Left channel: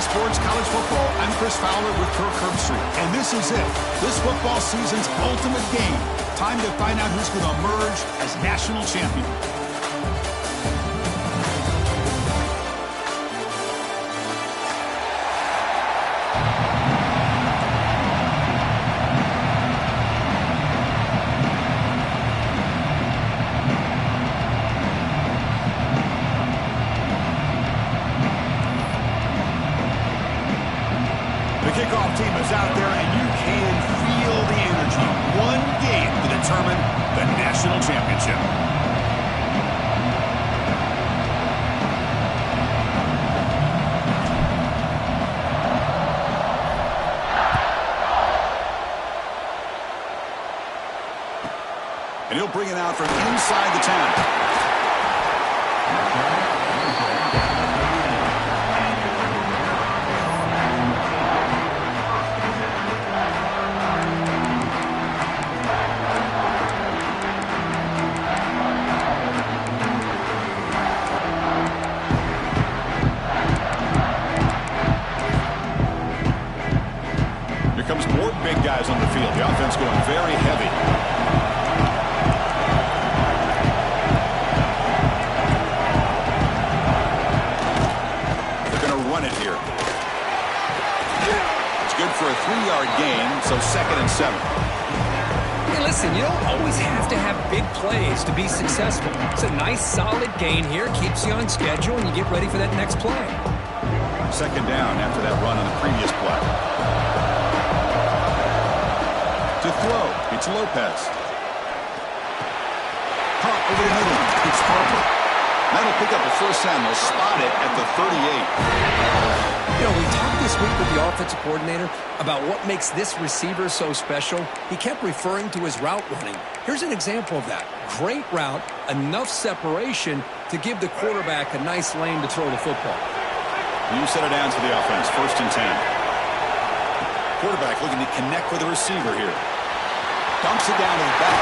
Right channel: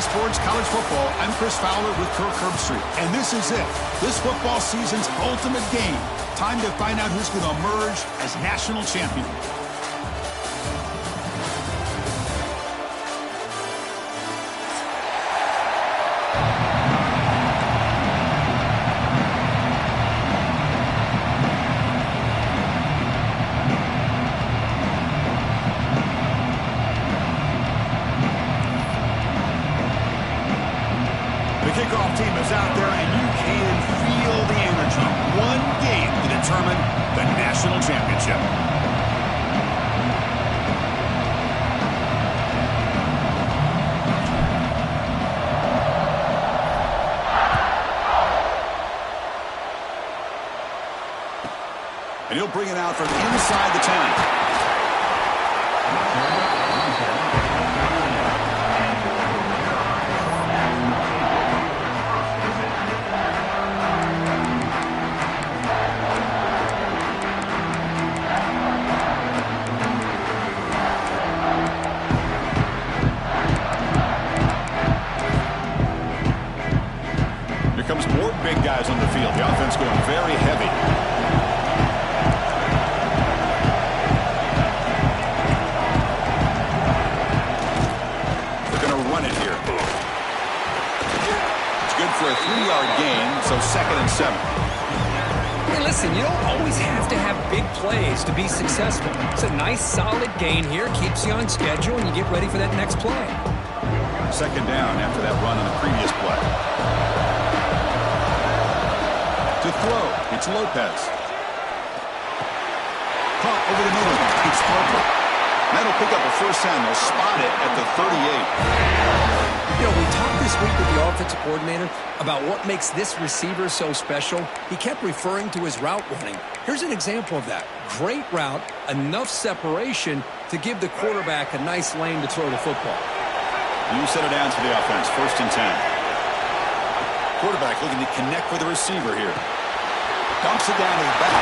EA Sports College Football, I'm Chris Fowler with Kirk Herbstreit. And this is it. This football season's ultimate game. Time to find out who's going to emerge as national champion. The kickoff team is out there, and you can feel the energy. One game to determine the national championship. And he'll bring it out from inside the 10. Comes more big guys on the field. The offense going very heavy. They're going to run it here. It's good for a 3-yard gain, so 2nd and 7. Hey, listen, you don't always have to have big plays to be successful. It's a nice, solid gain here. Keeps you on schedule, and you get ready for that next play. 2nd down after that run on the previous play. To throw, it's Lopez. Caught over the middle, it's Harper. That'll pick up a first down. They'll spot it at the 38. You know, we talked this week with the offensive coordinator about what makes this receiver so special. He kept referring to his route running. Here's an example of that. Great route, enough separation to give the quarterback a nice lane to throw the football. You set it down to the offense, 1st and 10. Quarterback looking to connect with the receiver here. Dumps it down to the back.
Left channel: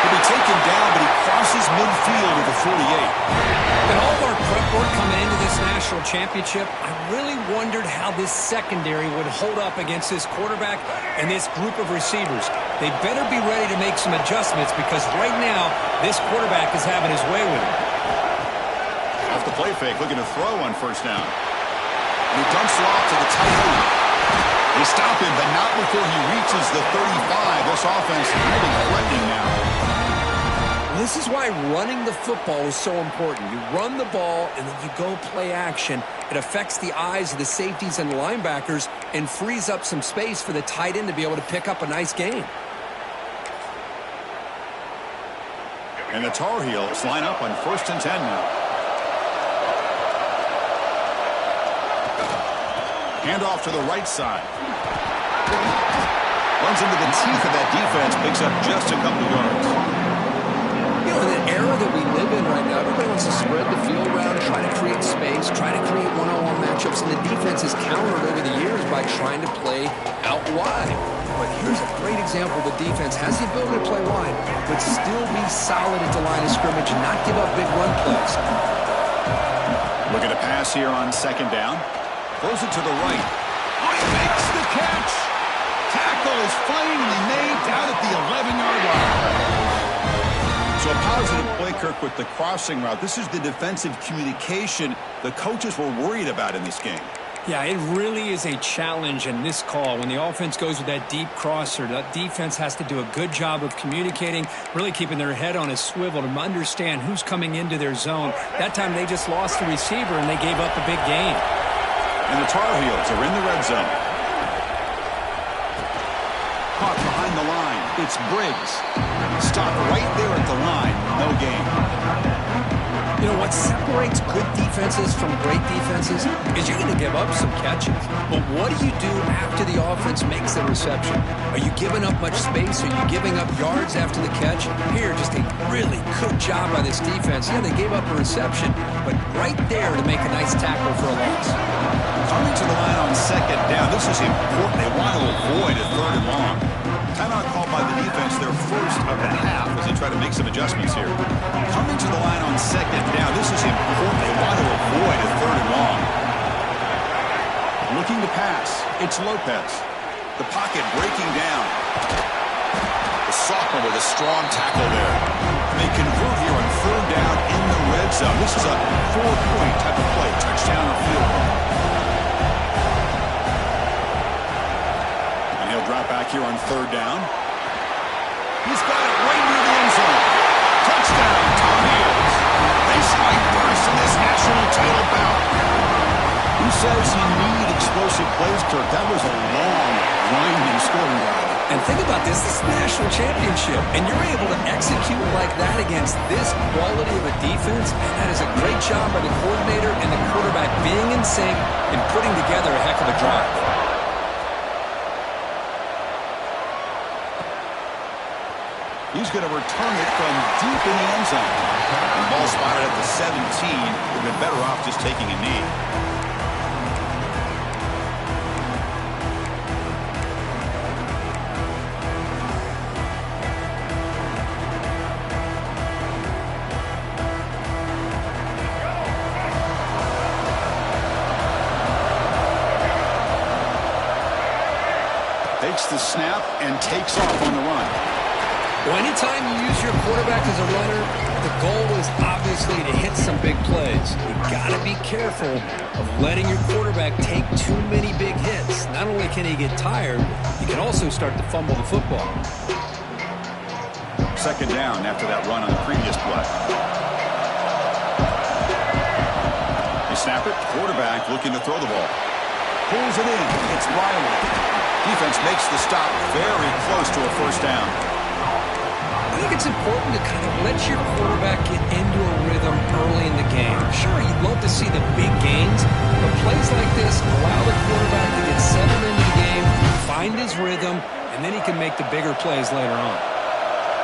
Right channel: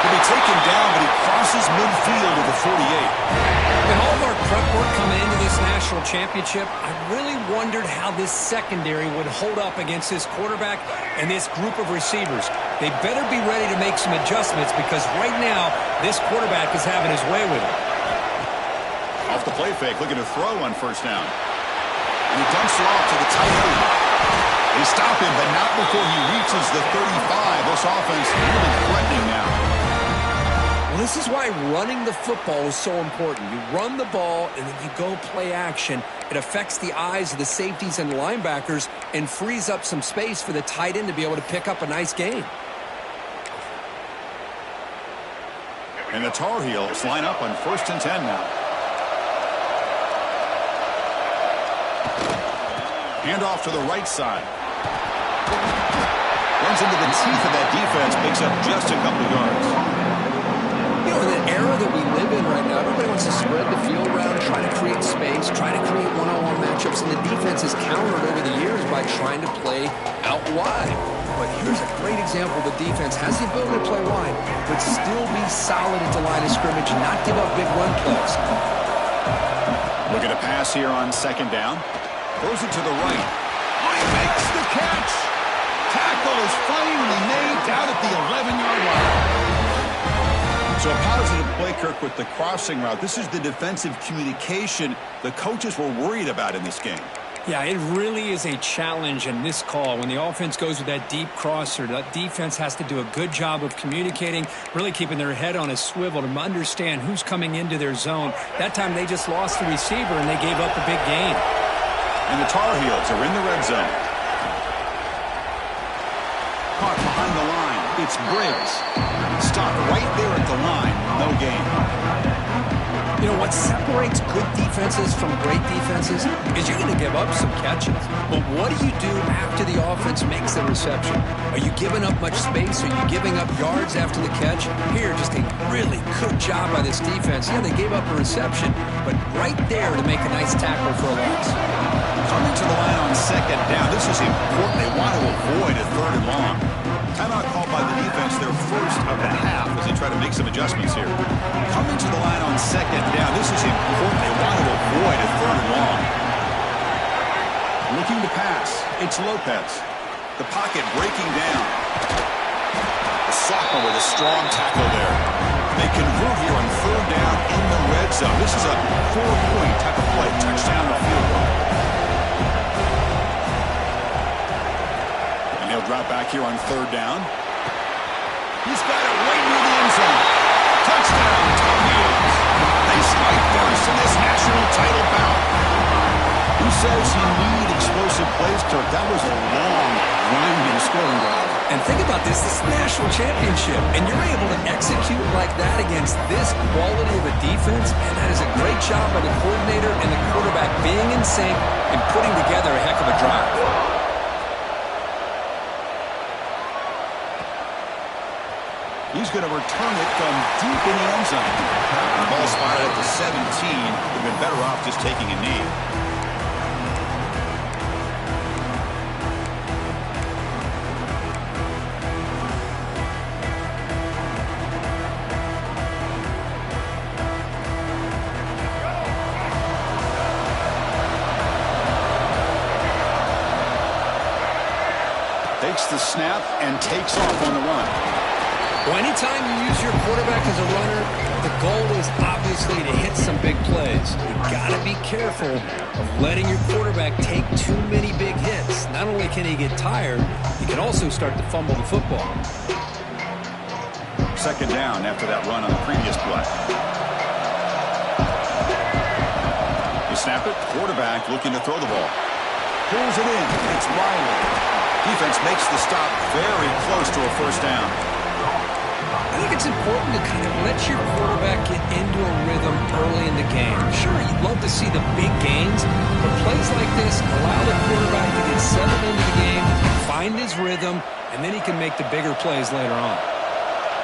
He'll be taken down, but he crosses midfield at the 48. In all of our prep work coming into this national championship, I really wondered how this secondary would hold up against this quarterback and this group of receivers. They better be ready to make some adjustments because right now, this quarterback is having his way with it. Off the play fake, looking to throw on 1st down. And he dumps it off to the tight end. They stop him, but not before he reaches the 35. This offense really threatening now. Well, this is why running the football is so important. You run the ball, and then you go play action. It affects the eyes of the safeties and linebackers and frees up some space for the tight end to be able to pick up a nice gain. And the Tar Heels line up on 1st and 10 now. Hand off to the right side. Runs into the teeth of that defense, picks up just a couple of yards. You know, in the era that we live in right now, everybody wants to spread the field around, try to create space, try to create one-on-one matchups, and the defense has countered over the years by trying to play out wide. But here's a great example. The defense has the ability to play wide, but still be solid at the line of scrimmage and not give up big run plays. Looking to pass here on 2nd down. Throws it to the right. Oh, he makes the catch. Tackle is finally made down at the 11-yard line. So a positive play, Kirk, with the crossing route. This is the defensive communication the coaches were worried about in this game. Yeah, it really is a challenge in this call. When the offense goes with that deep crosser, that defense has to do a good job of communicating, really keeping their head on a swivel to understand who's coming into their zone. That time they just lost the receiver and they gave up a big gain. And the Tar Heels are in the red zone. Caught behind the line. It's Briggs. Stopped right there at the line. No gain. You know, what separates good defenses from great defenses is you're going to give up some catches. But what do you do after the offense makes the reception? Are you giving up much space? Are you giving up yards after the catch? Here, just a really good job by this defense. Yeah, they gave up a reception, but right there to make a nice tackle for a loss. Coming to the line on 2nd down. This is important. They want to avoid a 3rd and long. Timeout called by the defense, their first of the half, as they try to make some adjustments here. Coming to the line on 2nd down. This is important. They want to avoid a 3rd and long. Looking to pass. It's Lopez. The pocket breaking down. The sophomore with a strong tackle there. And they convert here on third down in the red zone. This is a 4-point type of play. Touchdown or field goal. And he'll drop back here on third down. He's got it right near the end zone. Touchdown, Tom Fields. They strike first in this national title bout. Who says you need explosive plays, Kirk? That was a long, winding scoring drive. And think about this. This is a national championship, and you're able to execute like that against this quality of a defense. Man, that is a great job by the coordinator and the quarterback being in sync and putting together a heck of a drive. He's going to return it from deep in the end zone. And the ball spotted at the 17. Would have been better off just taking a knee. Takes the snap and takes off on the run. Well, anytime you use your quarterback as a runner, the goal is obviously to hit some big plays. You've got to be careful of letting your quarterback take too many big hits. Not only can he get tired, he can also start to fumble the football. Second down after that run on the previous play. They snap it. Quarterback looking to throw the ball. Pulls it in. It's Riley. Defense makes the stop very close to a first down. I think it's important to kind of let your quarterback get into a rhythm early in the game. Sure, you'd love to see the big gains, but plays like this allow the quarterback to get settled into the game, find his rhythm, and then he can make the bigger plays later on.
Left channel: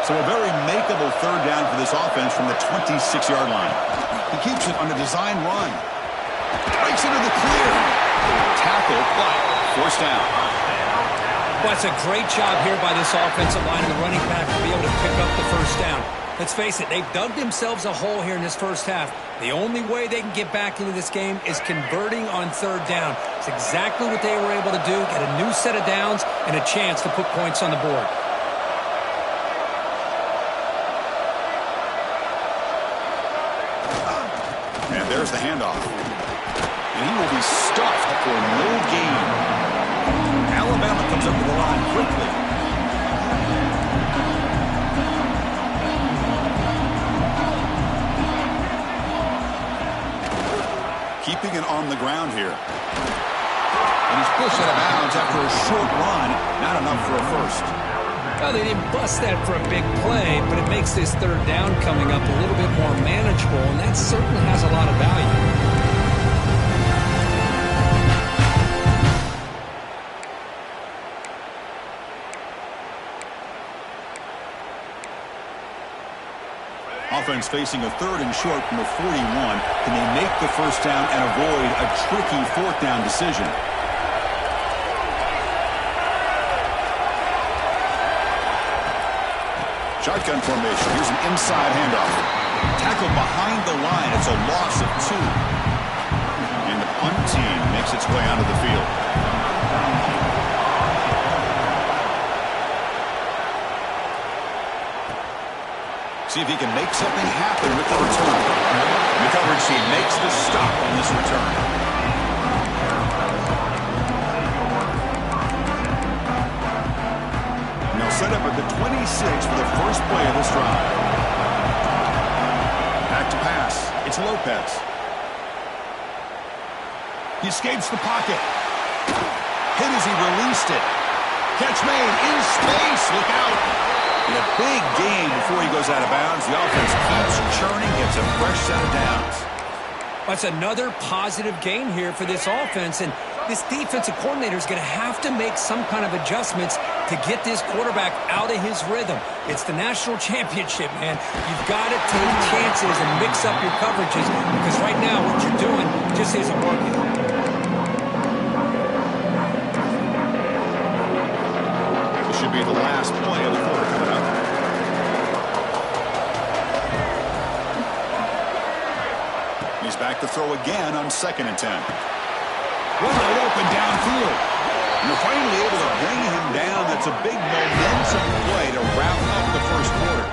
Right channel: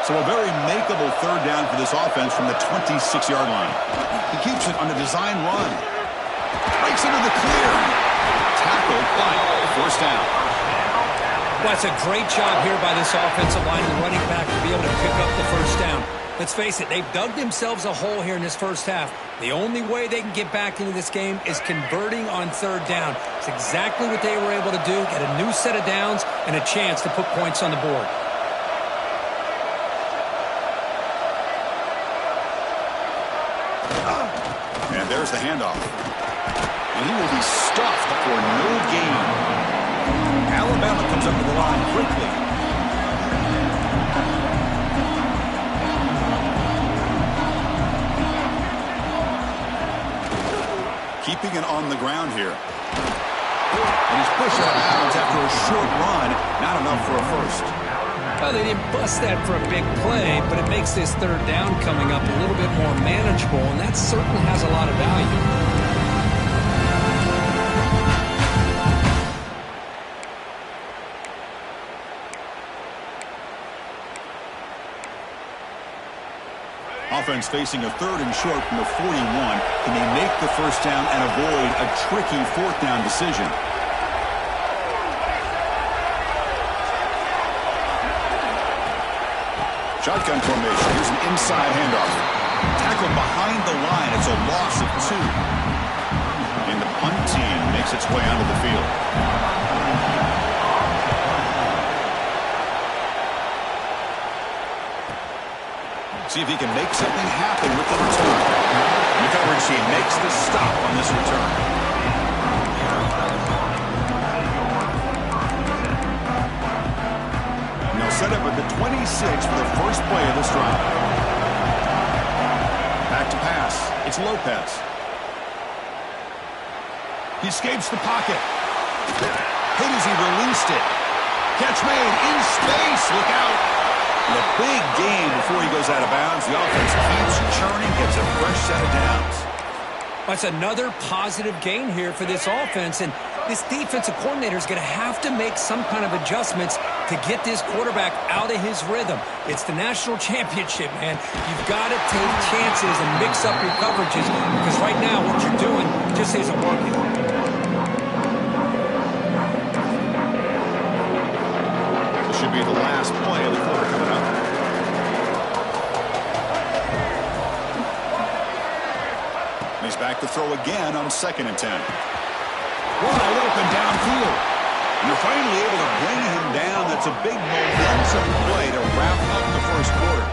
So a very makeable third down for this offense from the 26-yard line. He keeps it on a design run. Breaks into the clear. Tackle, but first down. Well, it's a great job here by this offensive line and the running back to be able to pick up the first down. Let's face it, they've dug themselves a hole here in this first half. The only way they can get back into this game is converting on third down. It's exactly what they were able to do, get a new set of downs and a chance to put points on the board. And there's the handoff. And he will be stuffed for no gain. Alabama comes up to the line quickly. Keeping it on the ground here. And he's pushed out of bounds after a short run. Not enough for a first. Well, they didn't bust that for a big play, but it makes this third down coming up a little bit more manageable, and that certainly has a lot of value. Offense facing a third and short from the 41. Can they make the first down and avoid a tricky fourth down decision? Shotgun formation. Here's an inside handoff. Tackled behind the line. It's a loss of 2. And the punt team makes its way onto the field. See if he can make something happen with the return. The coverage team makes the stop on this return. And they'll set up at the 26 for the first play of this drive. Back to pass. It's Lopez. He escapes the pocket. Hit as he released it. Catch made in space. Look out. In a big game before he goes out of bounds. The offense keeps churning, gets a fresh set of downs. That's another positive gain here for this offense, and this defensive coordinator is going to have to make some kind of adjustments to get this quarterback out of his rhythm. It's the national championship, man. You've got to take chances and mix up your coverages, because right now what you're doing just isn't working. This should be the last play of the quarter coming up. He's back to throw again on 2nd and 10. Wide open. open downfield. And they're finally able to bring him down. That's a big momentum play to wrap up the first quarter.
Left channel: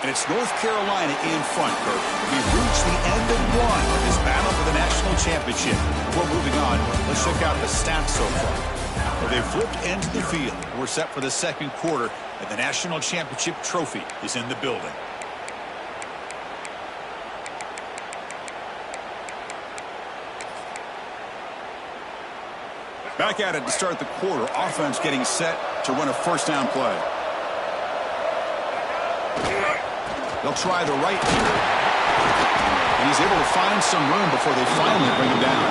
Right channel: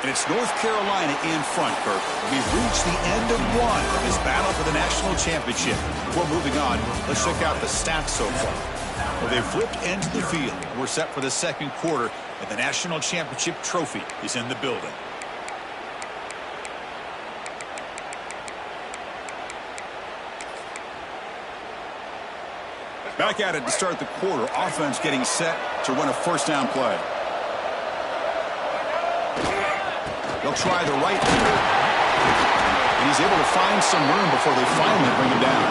And it's North Carolina in front, Kirk. We've reached the end of one of this battle for the national championship. Before moving on, let's check out the stats so far. Well, they've flipped into the field. We're set for the second quarter, and the national championship trophy is in the building. Back at it to start the quarter. Offense getting set to run a first down play. They'll try the right here. And he's able to find some room before they finally bring him down.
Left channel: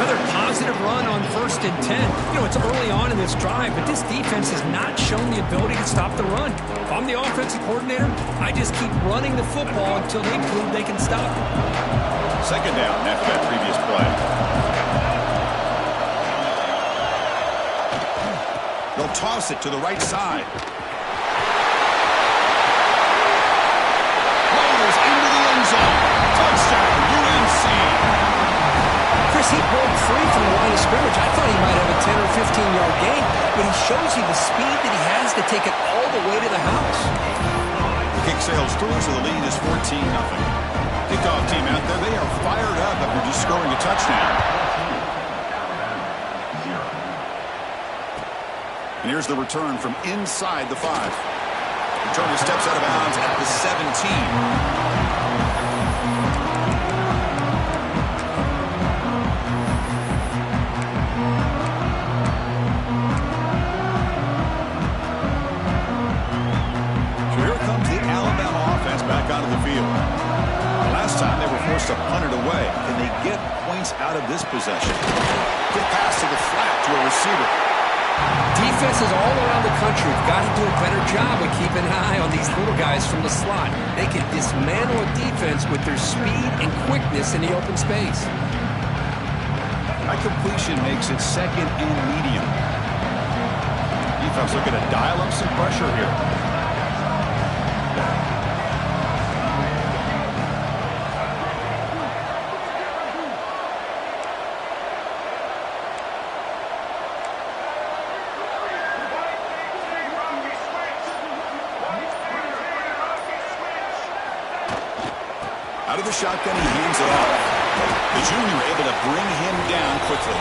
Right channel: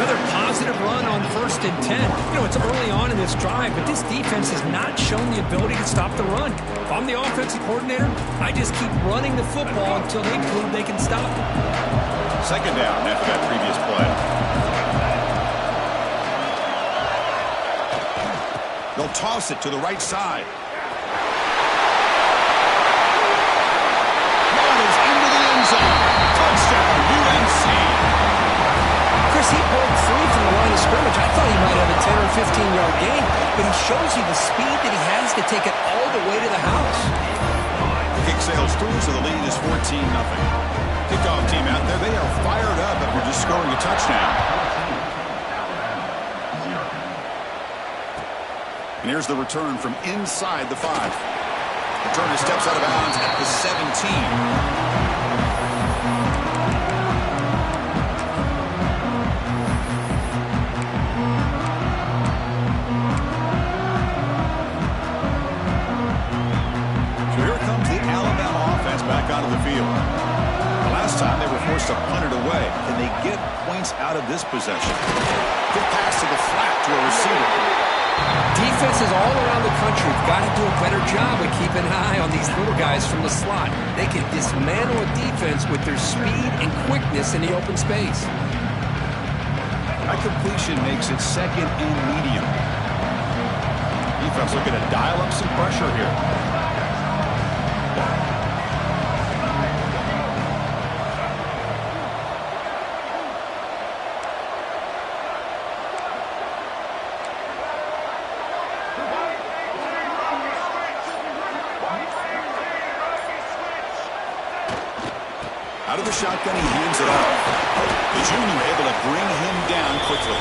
Another positive run on 1st and 10. You know, it's early on in this drive, but this defense has not shown the ability to stop the run. If I'm the offensive coordinator, I just keep running the football until they prove they can stop it. Second down after that previous play. They'll toss it to the right side. Motors into the end zone. Touchdown, UNC. Chris, he broke free from the line of scrimmage. I thought he might have a 10 or 15-yard gain, but he shows you the speed that he has to take it all the way to the house. The kick sails through, so the lead is 14-0. Kickoff team out there, they are fired up after just scoring a touchdown. And here's the return from inside the 5. Returner steps out of bounds at the 17. Out of the field. The last time they were forced to punt it away. Can they get points out of this possession? Quick pass to the flat to a receiver. Defenses all around the country have got to do a better job of keeping an eye on these little guys from the slot. They can dismantle a defense with their speed and quickness in the open space. That completion makes it second and medium. Defense looking to dial up some pressure here. Out of the shotgun, he hands it off. The junior able to bring him down quickly.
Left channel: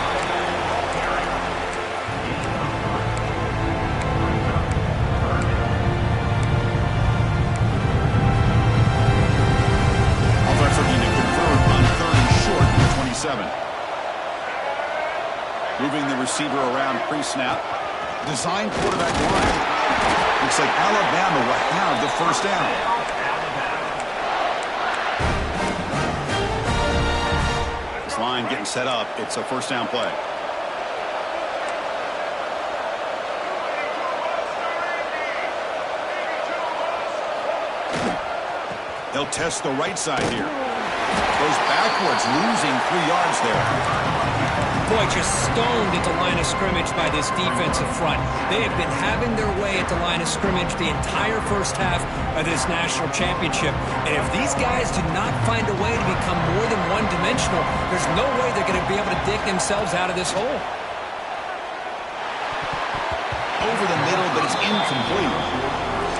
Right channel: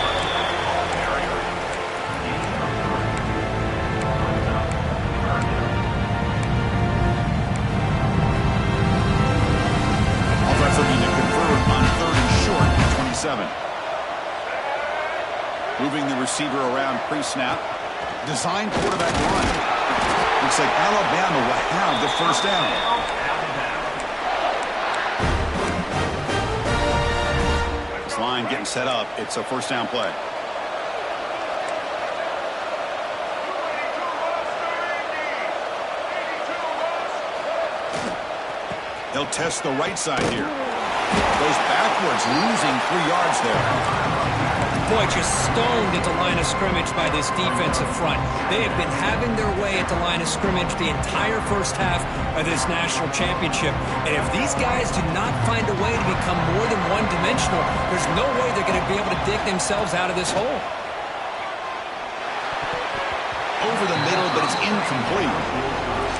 Offense looking to convert on 3rd and short at 27. Moving the receiver around pre-snap. Design quarterback line. Looks like Alabama will have the first down. Line getting set up. It's a first down play. They'll test the right side here. Goes backwards, losing 3 yards there. Boy, just stoned at the line of scrimmage by this defensive front. They have been having their way at the line of scrimmage the entire first half of this national championship. And if these guys do not find a way to become more than one-dimensional, there's no way they're going to be able to dig themselves out of this hole. Over the middle, but it's incomplete.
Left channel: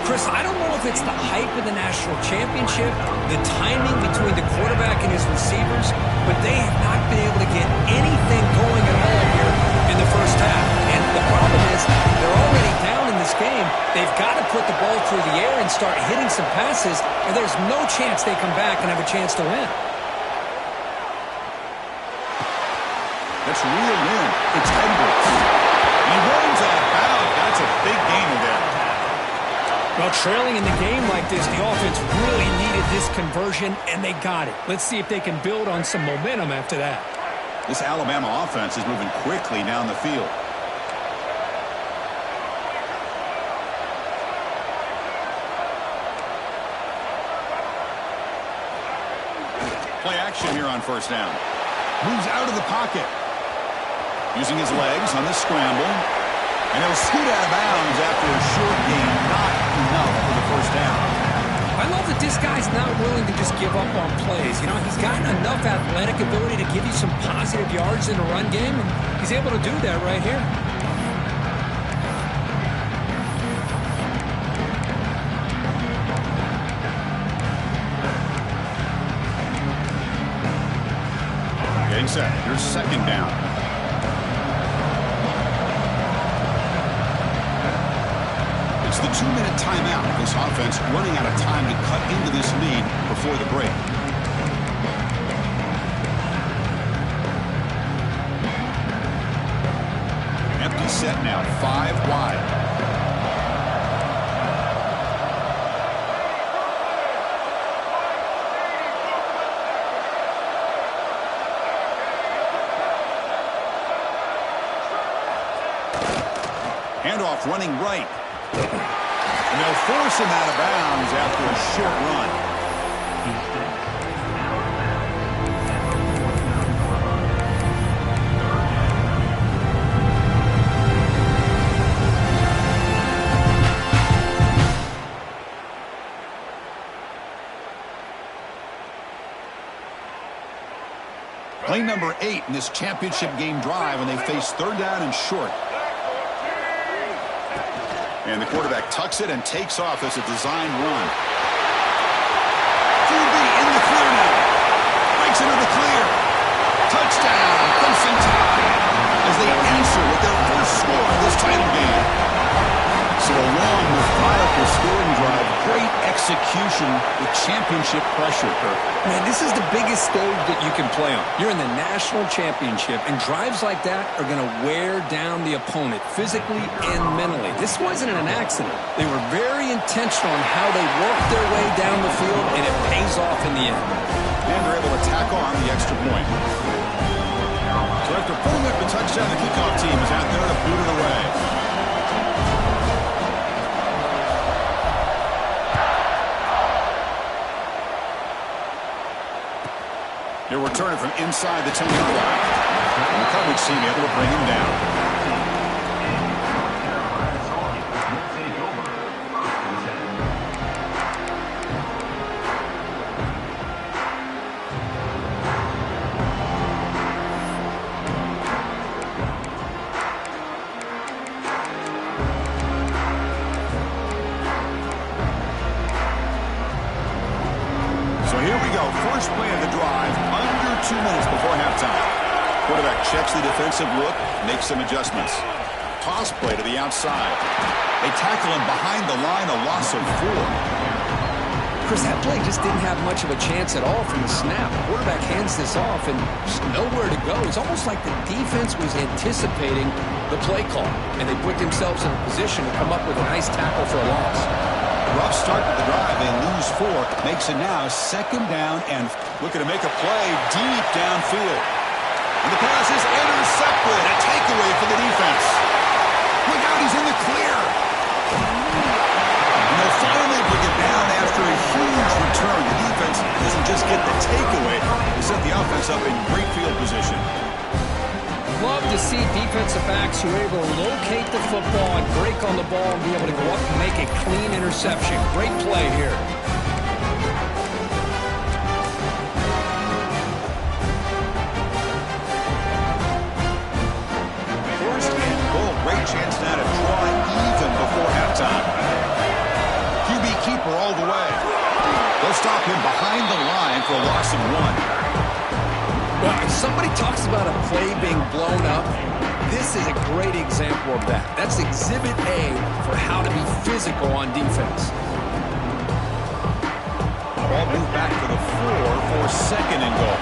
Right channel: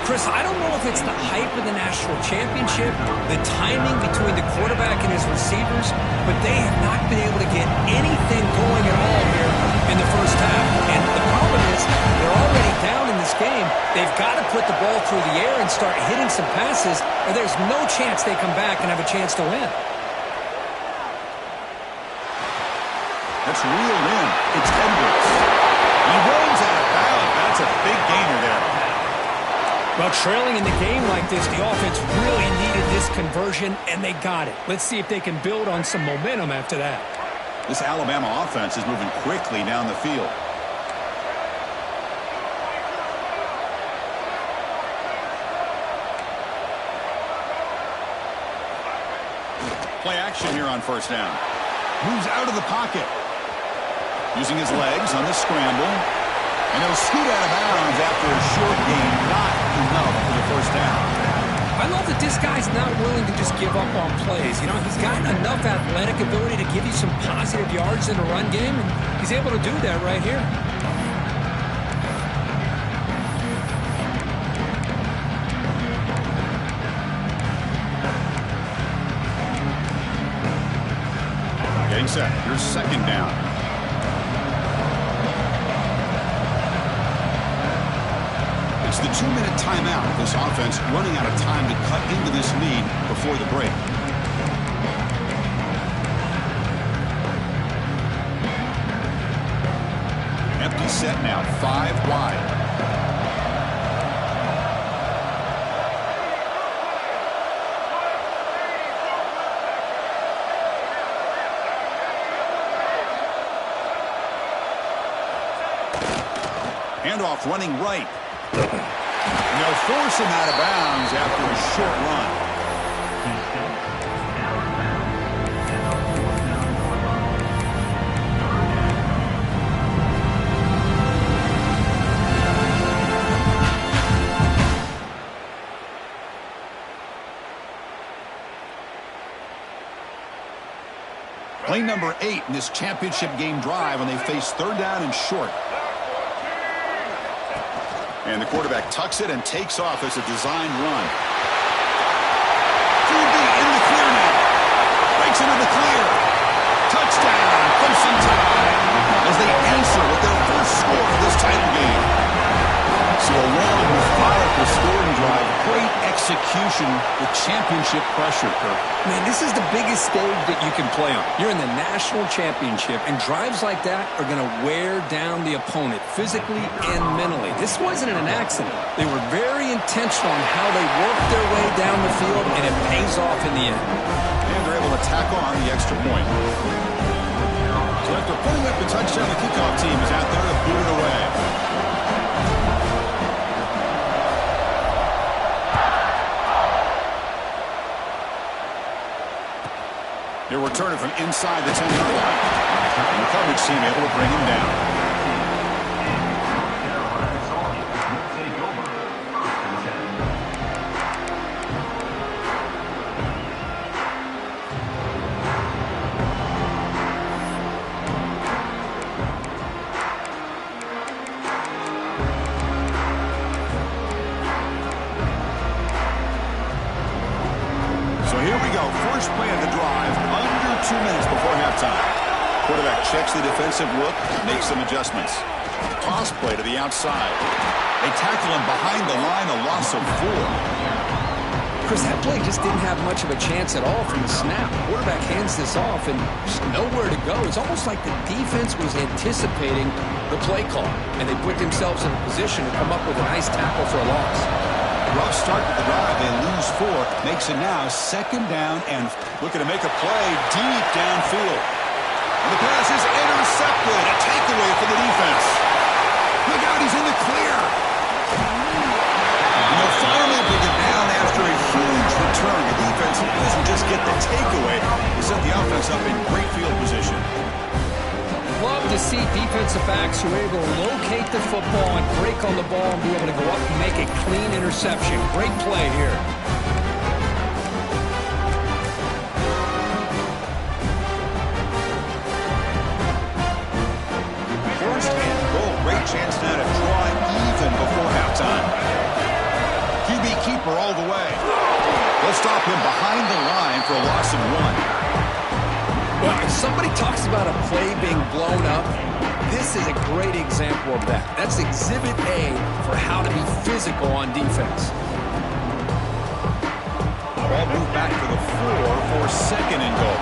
Chris, I don't know if it's the hype of the national championship, the timing between the quarterback and his receivers, but they have not been able to get anything going at all here in the first half. And the problem is they're already down in this game. They've got to put the ball through the air and start hitting some passes, or there's no chance they come back and have a chance to win. That's reeled in. It's Edwards. He runs out of bounds. That's a big gainer there. Well, trailing in the game like this, the offense really needed this conversion, and they got it. Let's see if they can build on some momentum after that. This Alabama offense is moving quickly down the field. Play action here on first down. Moves out of the pocket. Using his legs on the scramble. And he'll scoot out of bounds after a short gain. Not enough for the first down. I love that this guy's not willing to just give up on plays. You know, he's got enough athletic ability to give you some positive yards in the run game, and he's able to do that right here. Getting set. Here's second down. It's the 2-minute timeout. This offense running out of time to cut into this lead before the break. Empty set now, 5 wide. Handoff running right. And they'll force him out of bounds after a short run. Play number 8 in this championship game drive when they face third down and short. And the quarterback tucks it and takes off as a designed run. QB in the clear now. Breaks into the clear. Touchdown, Crimson Tide, as they answer with their first score of this title game. So a long, methodical scoring drive. Great execution with championship pressure, Kirk. Man, this is the biggest stage that you can play on. You're in the national championship, and drives like that are going to wear down the opponent physically and mentally. This wasn't an accident. They were very intentional on how they worked their way down the field, and it pays off in the end. And they're able to tackle on the extra point. So after putting up the touchdown, the kickoff team is out there to boot it away. He'll return it from inside the 10-yard line. And the coverage team able to bring him down. First play of the drive, under 2 minutes before halftime. Quarterback checks the defensive look, makes some adjustments. Toss play to the outside. They tackle him behind the line, a loss of 4. Chris, that play just didn't have much of a chance at all from the snap. The quarterback hands this off and just nowhere to go. It's almost like the defense was anticipating the play call, and they put themselves in a position to come up with a nice tackle for a loss. Rough start to the drive. They lose 4. Makes it now second down and looking to make a play deep downfield. And the pass is intercepted. A takeaway for the defense. Look out, he's in the clear. And they'll finally bring it down after a huge return. The defense doesn't just get the takeaway. They set the offense up in great field position. Love to see defensive backs who are able to locate the football and break on the ball and be able to go up and make a clean interception. Great play here. First and goal. Great chance now to draw even before halftime. QB keeper all the way. They'll stop him behind the line for a loss of 1. Well, if somebody talks about a play being blown up, this is a great example of that. That's exhibit A for how to be physical on defense. Ball moved back to the 4 for second and goal.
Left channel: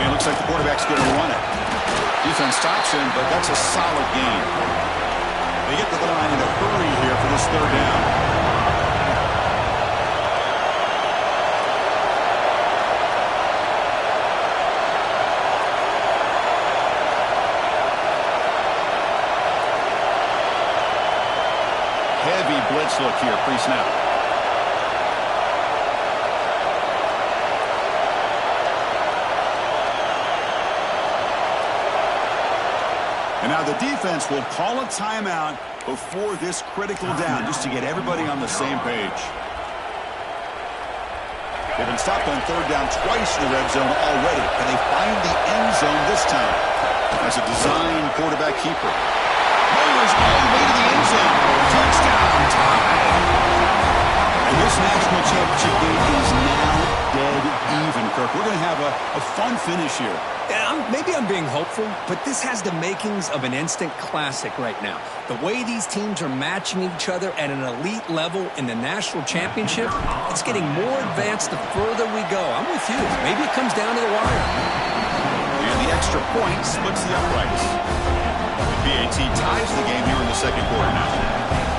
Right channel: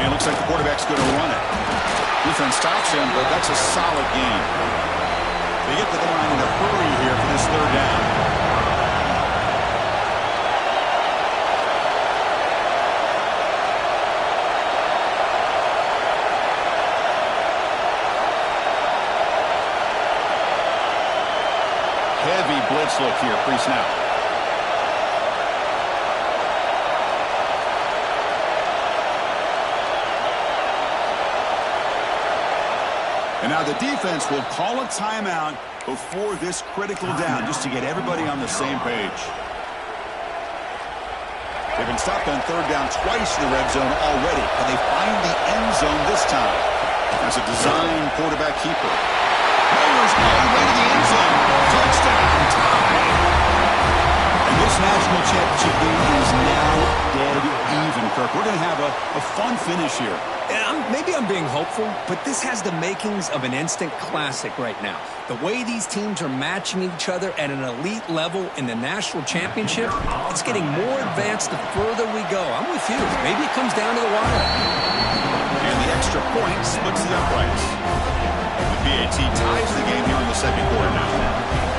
And it looks like the quarterback's going to run it. Defense stops him, but that's a solid gain. They get to the line in a hurry here for this third down. Heavy blitz look here, pre-snap. And now the defense will call a timeout before this critical down, just to get everybody on the same page. They've been stopped on third down twice in the red zone already. Can they find the end zone this time? That's a design quarterback keeper. Mowers all the way to the end zone. Touchdown, tie. And this national championship game is now dead even, Kirk. We're going to have a fun finish here. Yeah, maybe I'm being hopeful, but this has the makings of an instant classic right now. The way these teams are matching each other at an elite level in the national championship, it's getting more advanced the further we go. I'm with you. Maybe it comes down to the wire. And the extra point splits the uprights. The PAT ties the game here in the second quarter now.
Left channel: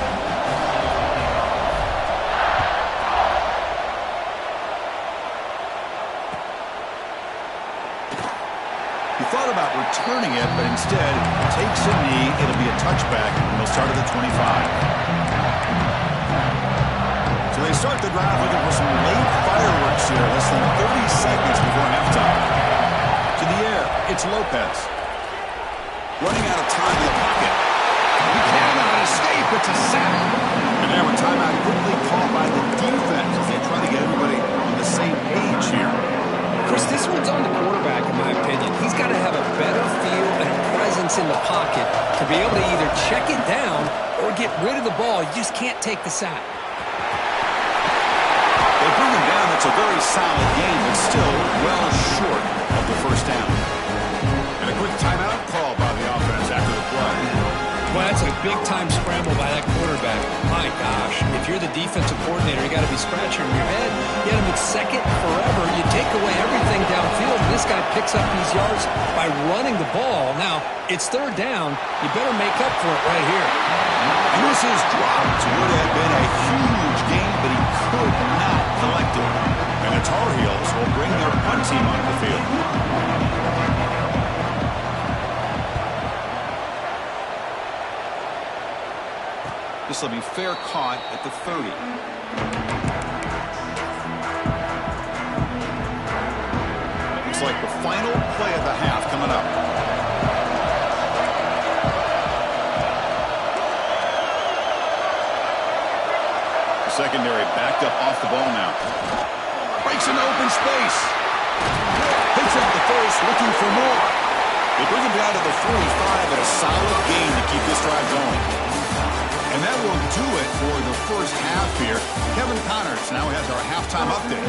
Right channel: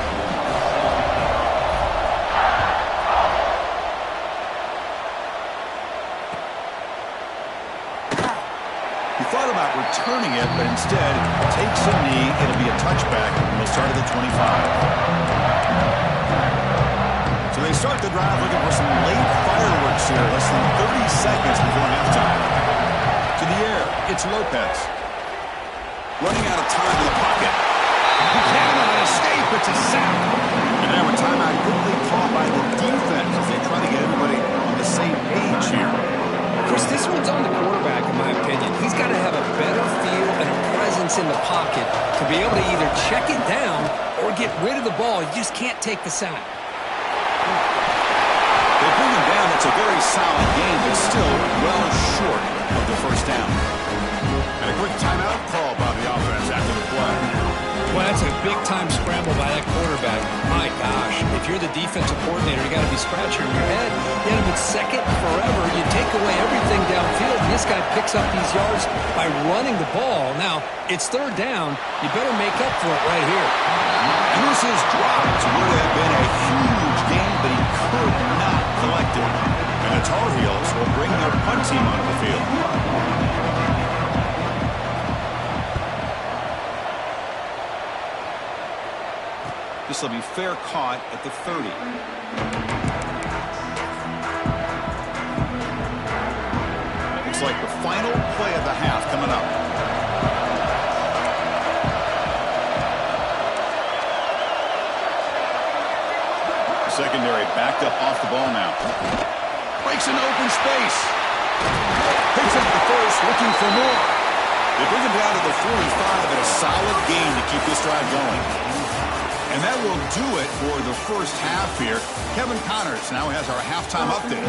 Thought about returning it, but instead takes a knee. It'll be a touchback, and they'll start at the 25. So they start the drive looking for some late fireworks here, less than 30 seconds before halftime. To the air, it's Lopez. Running out of time in the pocket. He cannot escape. It's a sack. And now a timeout quickly called by the defense as they try to get everybody on the same page here. Chris, this one's on the quarterback, in my opinion. He's got to have a better feel and a presence in the pocket to be able to either check it down or get rid of the ball. You just can't take the sack. They bring him down. That's a very solid game, but still well short of the first down. And a quick timeout call by the offense after the play. Well, that's a big-time scramble by that quarterback. My gosh, if you're the defensive coordinator, you got to be scratching your head. You had him at second forever. You take away everything downfield, and this guy picks up these yards by running the ball. Now, it's third down. You better make up for it right here. And this is dropped. Would have been a huge game, but he could not collect it. And the Tar Heels will bring their punt team onto the field. This will be fair caught at the 30. Looks like the final play of the half coming up. The secondary backed up off the ball now. Breaks into open space. Picks up the first, looking for more. They bring him down to the 45 at a solid gain to keep this drive going. And that will do it for the first half here. Kevin Connors now has our halftime update.